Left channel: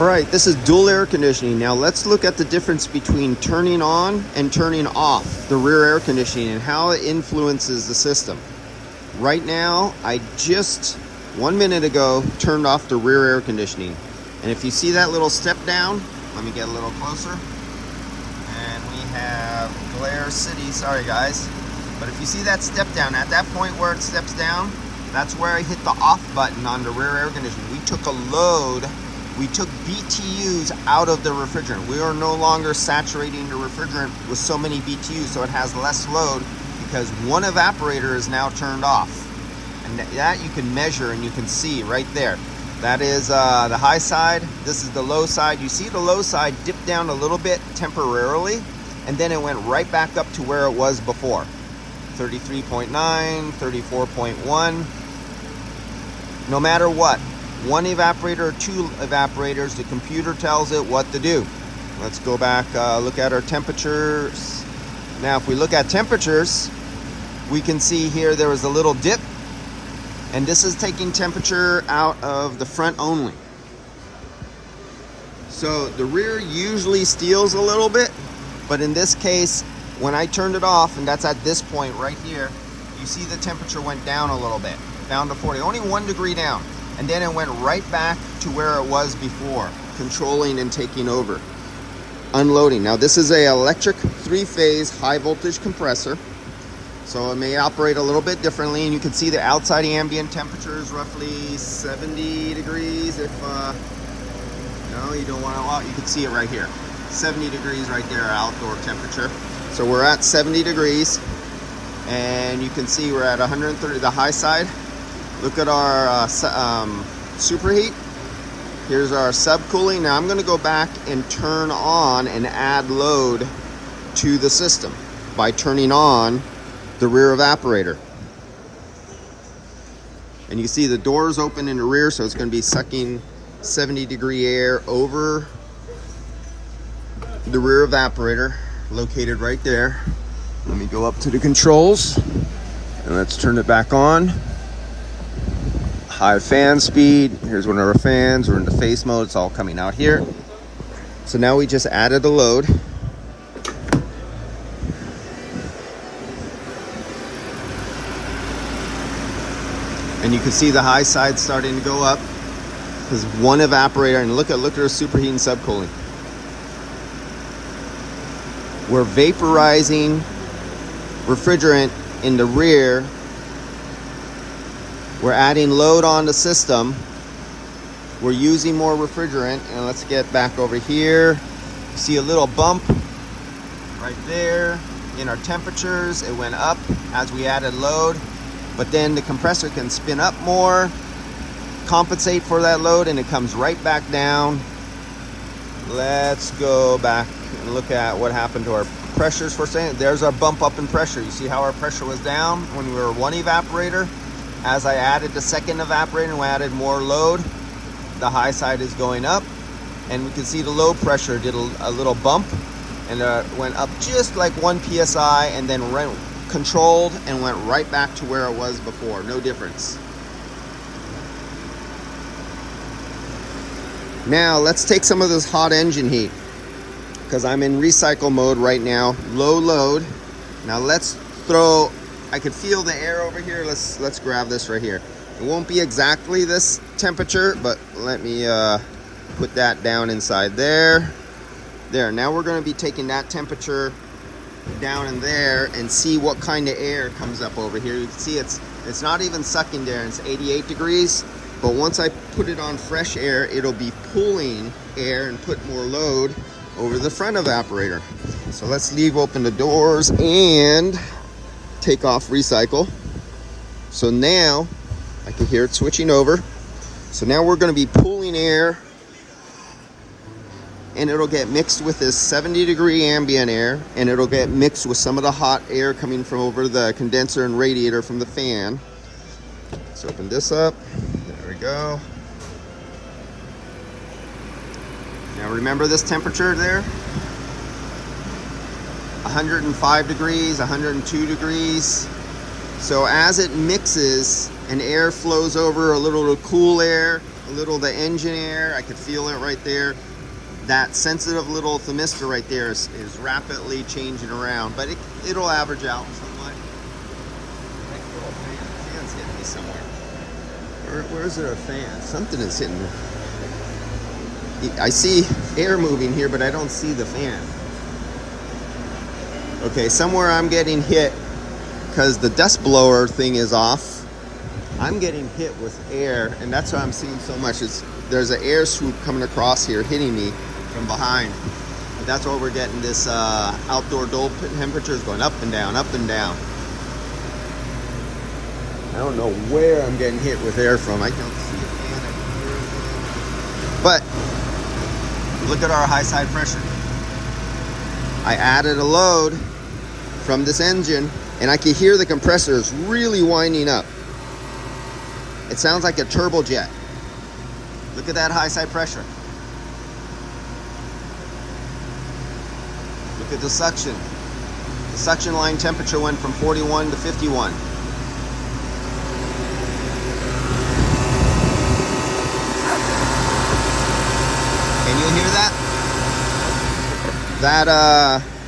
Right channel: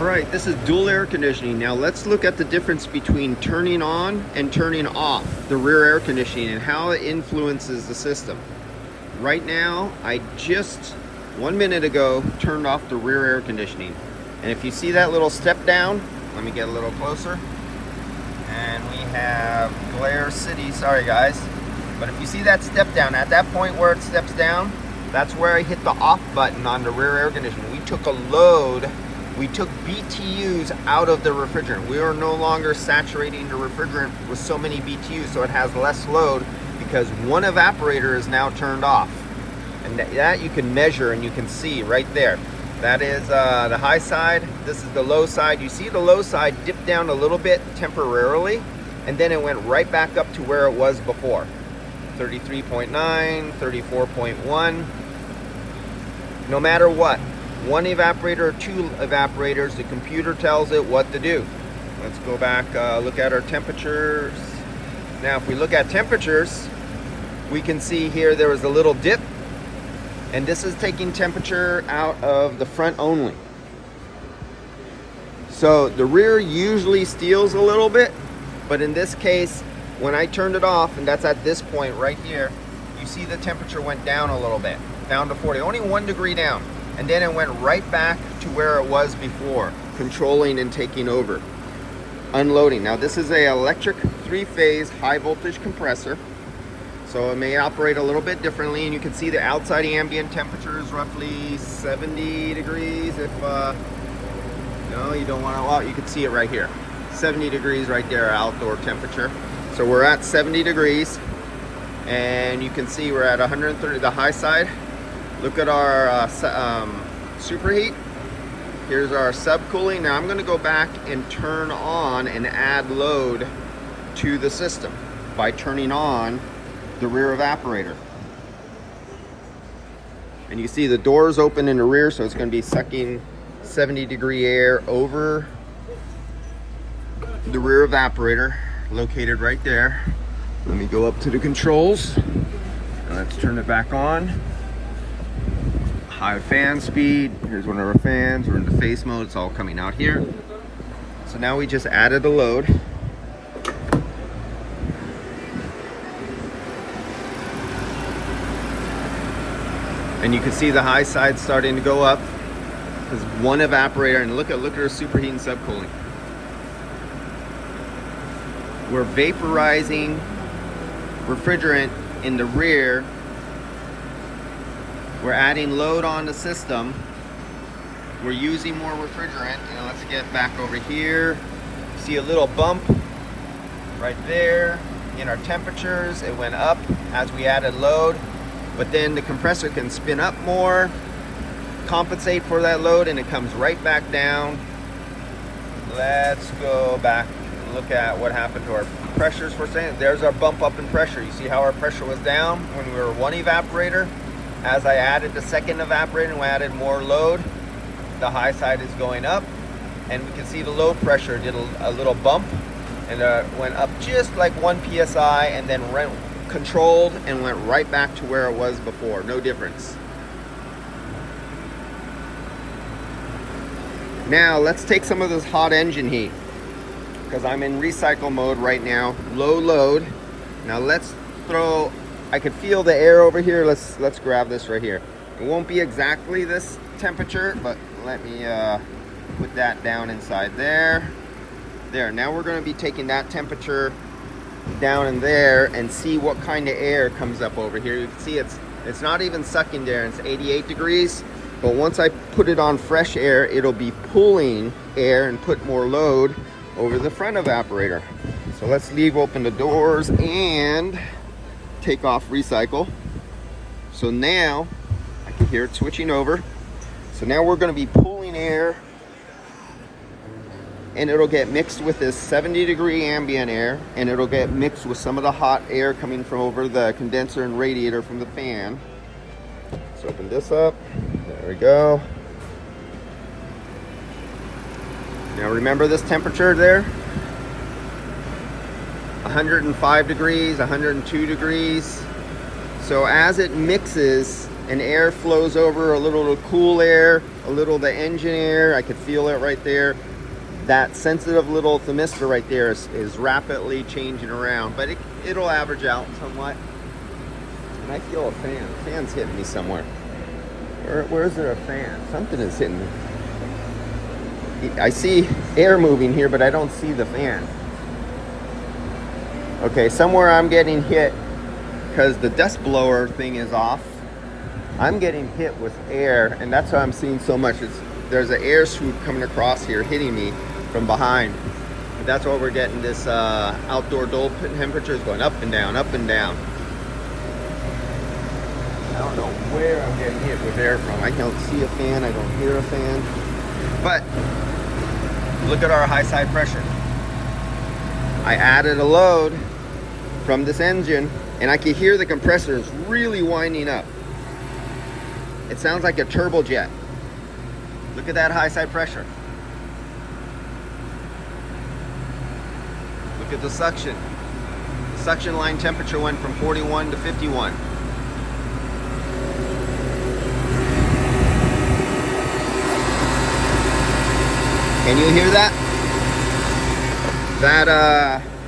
All right, this is dual air conditioning. Now let's look at the difference between turning on and turning off the rear air conditioning and how it influences the system. Right now, I just 1 minute ago turned off the rear air conditioning. And if you see that little step down, let me get a little closer. And we have Glare City, sorry guys. But if you see that step down, at that point where it steps down, that's where I hit the off button on the rear air conditioning. We took a load. We took BTUs out of the refrigerant. We are no longer saturating the refrigerant with so many BTUs, so it has less load because one evaporator is now turned off. And that you can measure and you can see right there. That is the high side. This is the low side. You see the low side dip down a little bit temporarily, and then it went right back up to where it was before. 33.9, 34.1. No matter what, one evaporator or two evaporators, the computer tells it what to do. Let's go back, look at our temperatures. Now, if we look at temperatures, we can see here there was a little dip, and this is taking temperature out of the front only. So the rear usually steals a little bit, but in this case, when I turned it off, and that's at this point right here, you see the temperature went down a little bit, down to 40, only 1 degree down. And then it went right back to where it was before, controlling and taking over. Unloading. Now this is an electric 3-phase high voltage compressor. So it may operate a little bit differently, and you can see the outside ambient temperature is roughly 70 degrees. If no, you don't want to out, you can see it right here. 70 degrees right there, outdoor temperature. So we're at 70 degrees, and you can see we're at 130, the high side. Look at our superheat. Here's our subcooling. Now I'm going to go back and turn on and add load to the system by turning on the rear evaporator. And you see the doors open in the rear, so it's going to be sucking 70 degree air over the rear evaporator, located right there. Let me go up to the controls and let's turn it back on. High fan speed. Here's one of our fans. We're in the face mode. It's all coming out here. So now we just added a load. And you can see the high side starting to go up. There's one evaporator, and look at our superheat and subcooling. We're vaporizing refrigerant in the rear. We're adding load on the system. We're using more refrigerant. Now let's get back over here. See a little bump right there in our temperatures. It went up as we added load, but then the compressor can spin up more, compensate for that load, and it comes right back down. Let's go back and look at what happened to our pressures for a second. There's our bump up in pressure. You see how our pressure was down when we were one evaporator? As I added the second evaporator and we added more load, the high side is going up, and we can see the low pressure did a little bump, and went up just like 1 psi, and then controlled and went right back to where it was before. No difference. Now let's take some of this hot engine heat, because I'm in recycle mode right now, low load. Now let's throw, I can feel the air over here. Let's grab this right here. It won't be exactly this temperature, but let me put that down inside there. There, now we're gonna be taking that temperature down in there and see what kind of air comes up over here. You can see it's not even sucking there, it's 88 degrees. But once I put it on fresh air, it'll be pulling air and put more load over the front evaporator. So let's leave open the doors and take off recycle. So now I can hear it switching over. So now we're going to be pulling air, and it'll get mixed with this 70 degree ambient air, and it'll get mixed with some of the hot air coming from over the condenser and radiator from the fan. Let's open this up. There we go. Now remember this temperature there? 105 degrees, 102 degrees. So as it mixes and air flows over, a little cool air, a a little of the engine air. I could feel it right there. That sensitive little thermistor right there is rapidly changing around, but it'll average out somewhat. I feel a fan. The fan's hitting me somewhere. Where is there a fan? Something is hitting me. I see air moving here, but I don't see the fan. Okay, somewhere I'm getting hit because the dust blower thing is off. I'm getting hit with air, and that's why I'm seeing so much. There's an air swoop coming across here, hitting me from behind. But that's why we're getting this outdoor dole temperatures going up and down, up and down. I don't know where I'm getting hit with air from. I don't see a fan, I don't hear a fan. But look at our high side pressure. I added a load from this engine, and I can hear the compressor is really winding up. It sounds like a turbojet. Look at that high side pressure. Look at the suction. The suction line temperature went from 41 to 51. Can you hear that?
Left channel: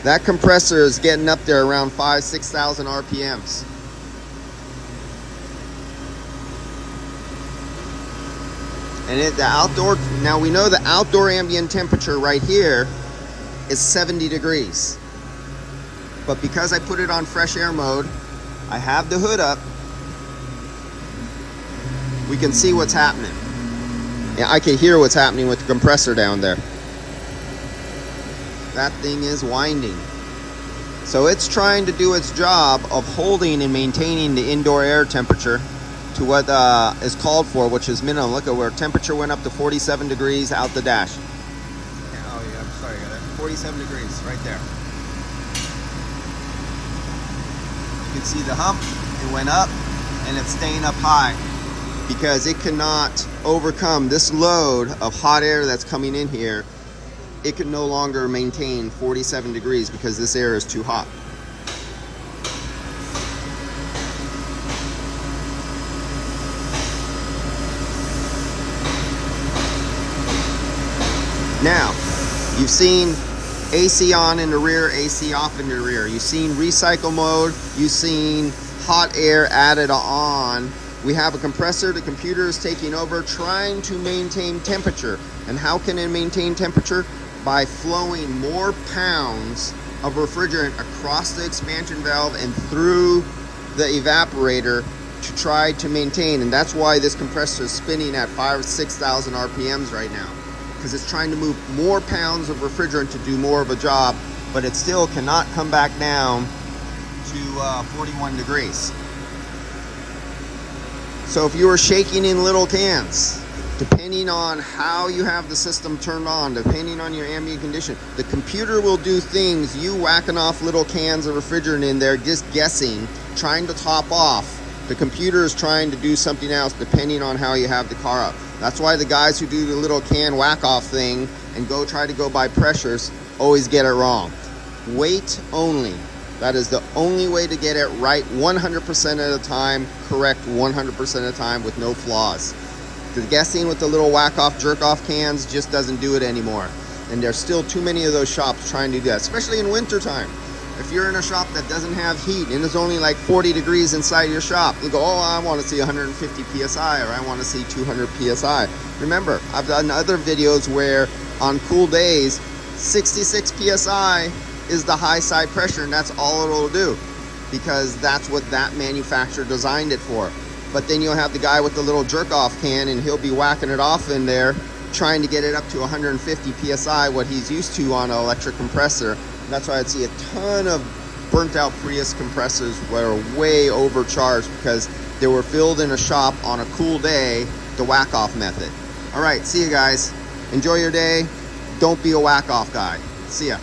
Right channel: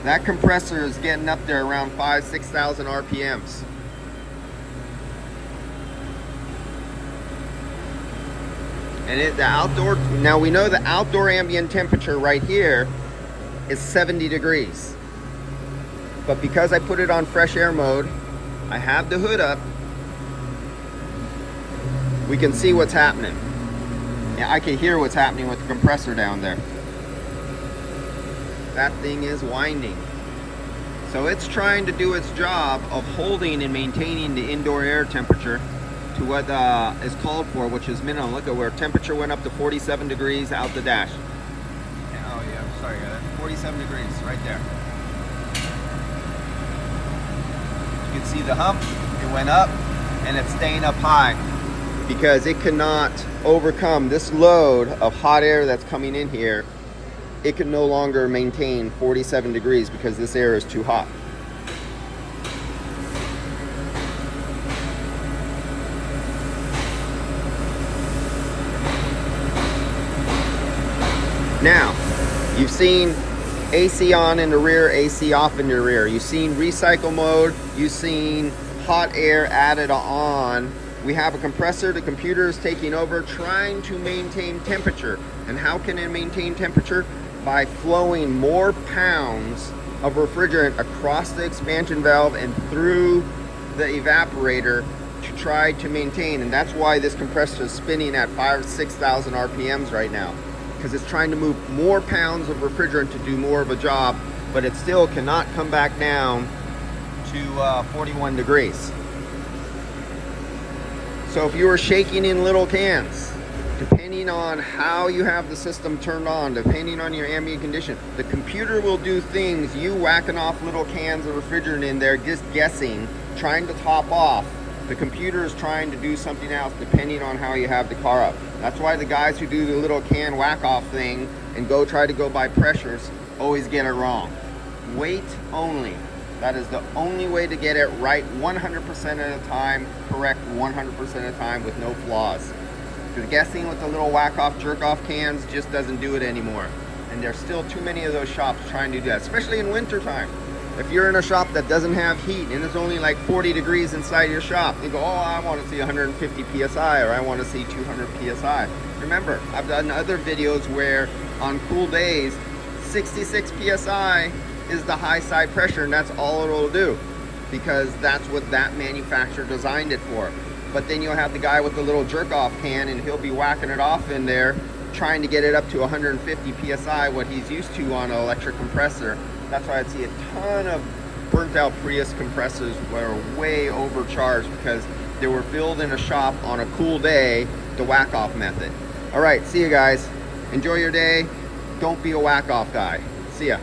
That compressor is getting up there around 6,000 RPMs. And the outdoor, now we know the outdoor ambient temperature right here is 70 degrees. But because I put it on fresh air mode, I have the hood up, we can see what's happening. Yeah, I can hear what's happening with the compressor down there. That thing is winding. So it's trying to do its job of holding and maintaining the indoor air temperature to what is called for, which is minimum. Look at where temperature went up to 47 degrees out the dash. Oh yeah, I'm sorry, I got it. 47 degrees right there. You can see the hump, it went up, and it's staying up high because it cannot overcome this load of hot air that's coming in here. It can no longer maintain 47 degrees because this air is too hot. Now, you've seen AC on in the rear, AC off in the rear. You've seen recycle mode. You've seen hot air added on. We have a compressor. The computer is taking over, trying to maintain temperature. And how can it maintain temperature? By flowing more pounds of refrigerant across the expansion valve and through the evaporator to try to maintain. And that's why this compressor is spinning at 5,000 or 6,000 RPMs right now, because it's trying to move more pounds of refrigerant to do more of a job, but it still cannot come back down to 41 degrees. So if you were shaking in little cans, depending on how you have the system turned on, depending on your ambient condition, the computer will do things, you whacking off little cans of refrigerant in there, just guessing, trying to top off. The computer is trying to do something else depending on how you have the car up. That's why the guys who do the little can whack off thing and try to go by pressures always get it wrong. Weight only. That is the only way to get it right 100% of the time, correct 100% of the time with no flaws. The guessing with the little whack-off, jerk-off cans just doesn't do it anymore. And there's still too many of those shops trying to do that, especially in wintertime. If you're in a shop that doesn't have heat and it's only like 40 degrees inside your shop, you go, oh, I want to see 150 PSI or I want to see 200 PSI. Remember, I've done other videos where on cool days, 66 PSI is the high side pressure, and that's all it'll do because that's what that manufacturer designed it for. But then you'll have the guy with the little jerk-off can and he'll be whacking it off in there trying to get it up to 150 PSI, what he's used to on an electric compressor. That's why I'd see a ton of burnt out Prius compressors that are way overcharged because they were filled in a shop on a cool day, the whack-off method. All right, see you guys. Enjoy your day. Don't be a whack-off guy. See ya.